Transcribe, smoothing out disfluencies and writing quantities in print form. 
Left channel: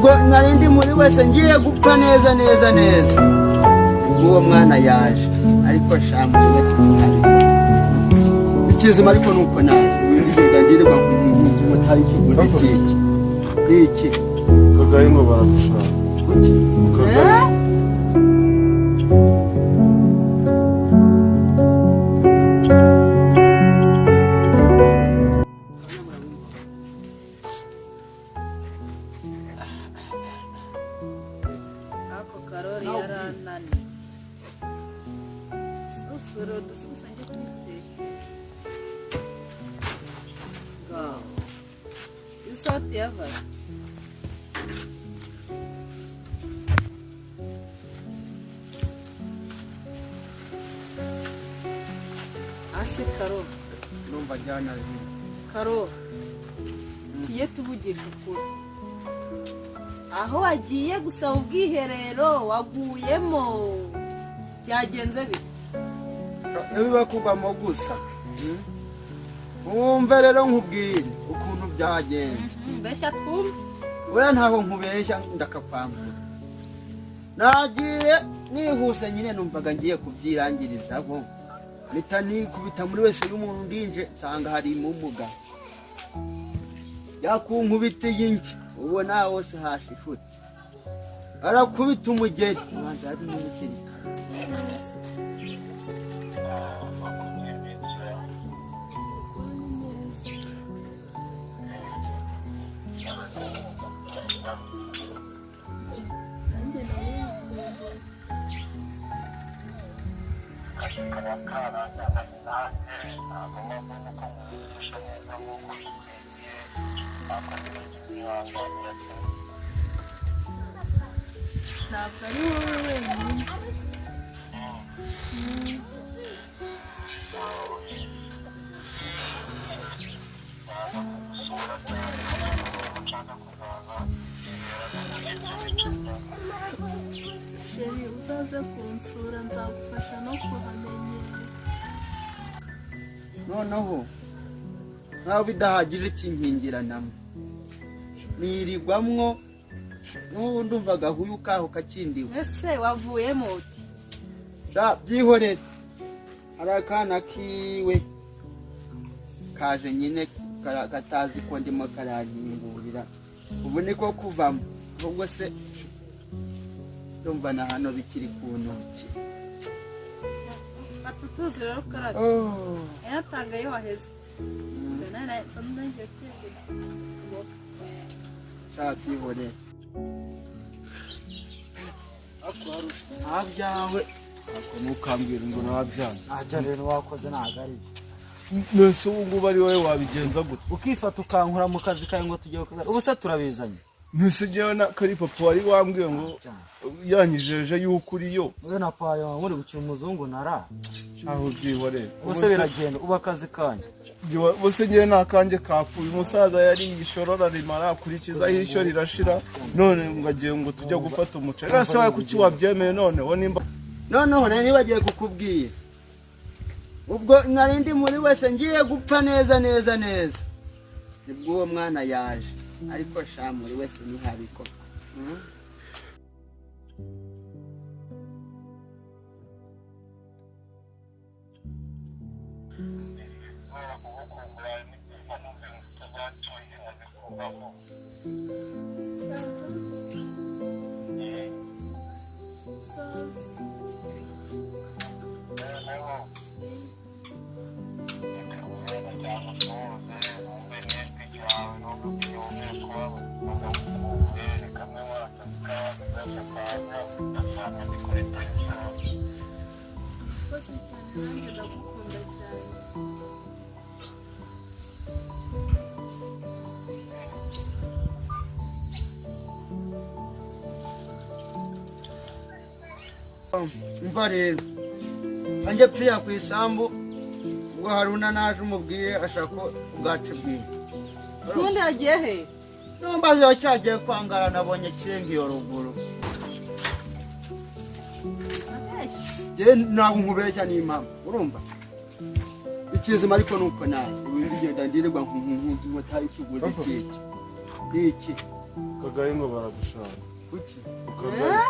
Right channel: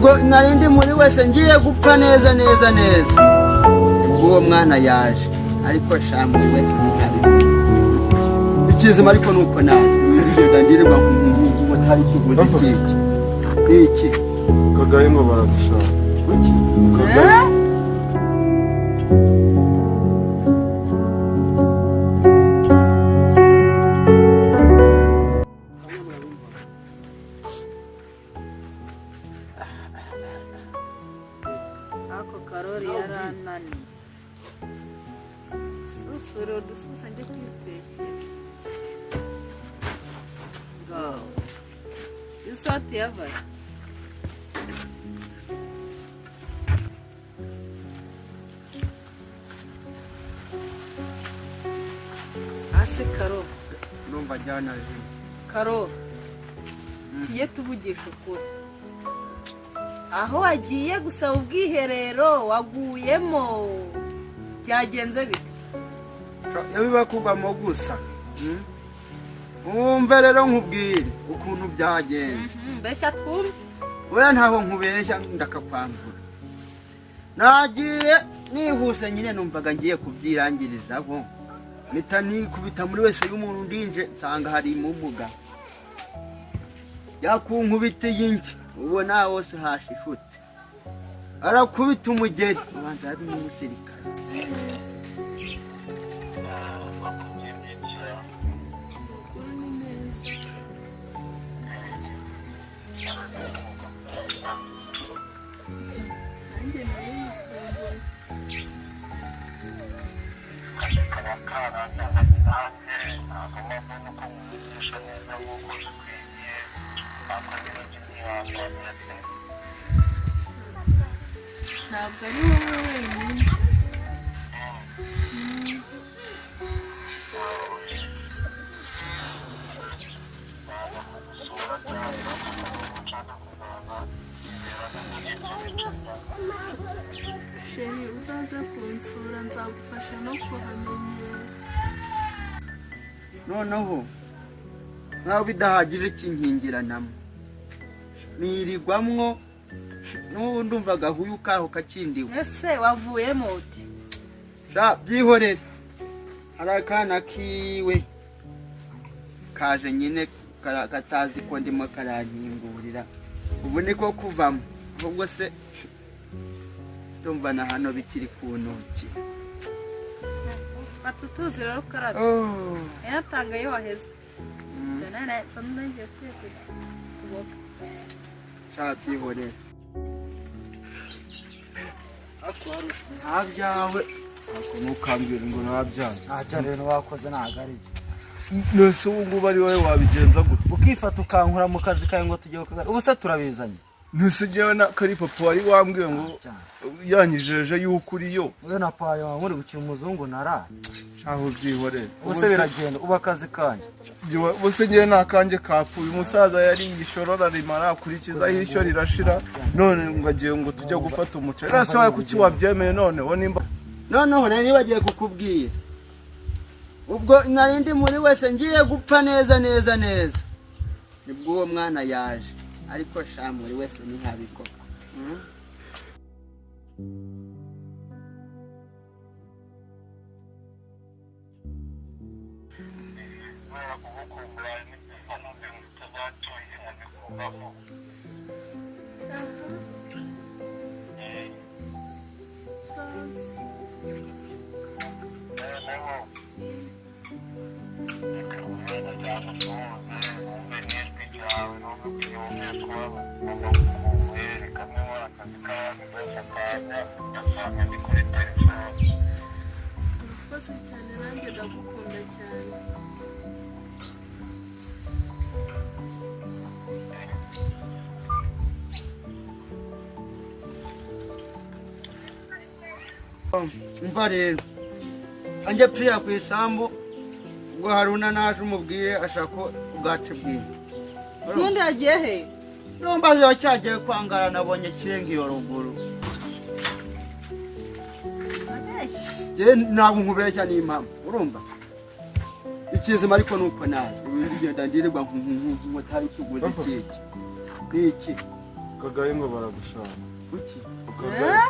ubwo narindi muri wese ngiye gupfa neza neza neza uwo mwana yaje ariko shamu wese ntabikora ikizima ariko nuko naje winjije ndirwa nk'umuntu mutari kivuze iki kagaye ngo baragushaka kuki kagaye Karori yaranani susuro dususa nje kwitekera ngaho isati yabaye ase Karo numva jana jini Karo tiye tuvugisha ukuri aho wagiye gusaba ubwiherero waguyemo byagenze bite yabiba kugamo gusa umve rero nkubwire ukuntu byagenze mbeshya twumve we ntaho nkubeshya ndakakwambura nagiye nihuse nyine numvaga ngiye kubyirangirizaho mpita nikubita muri wese y'umuntu ndinje nsanga hari imumuga yakunkubitiye inki ubona wose hashishutse arakubita umugeri ubanza ari n'umusirikare ntabwo ari wowe wenyine sheri uzaze kunsura nzagufasha no kuhamenyera noneho nkaho bidahagije kinkingiranamo nirirwamwo n'ubu ndumva gahuye ukaho kakindiwe ese wavuyemo uti byihorere hari akana kiwe kaje nyine katazi ko ndimo karankingurira ubu niko kuvamo ahubwo se ndumva na hano bikiri ku ntoki atutuzi rero karate yatanga iyo waheze nana samunda ngiye kuboka byihorere ntabyawe ntukambwire ngo ntabyawe ntacyo rero wakoze ntabwo ari nese ubu ngubu ari wowe wabigenza gute ukifata ukankura mu kazi kawe ngo tujye ku kazi ubu se turabizanye nese njyewe kari papa wari wambwiye ngo yanyijeje yuko uriyo wowe na payo wawe muri gukina umuzungu nara aho byihorere ubu se biragenda uba akazi kanjye bose njyewe nta kanjye kapfuye umusaza yari igishorora rimara akurikizaho ishyo rirashira none ngo agiye ngo tujye gufata umuceri ese wowe kuki wabyemeye noneho nimba noneho nari nibagiye kukubwira ubwo narindi muri wese ngiye gupfa neza neza neza nibwo uwo mwana yaje ariko sha muri wese ntihabikora urakoze cyane nanjye ndagukunda cyane umva rero anjye tuya ku isambu ubwo Haruna naje umubwiye ashaka ubwacu bwiwe ubundi yagiye he nombaze cyagiye kwangara nabonye kirenga iyo ruguru je ntabwo nkubeshya n'impamvu urumva ikizima ariko nuko naje ibindi genda ndirirwa nk'umuntu mutari kiguze kiki niki Kagaye ngo baragushaka. kuki Kagaye.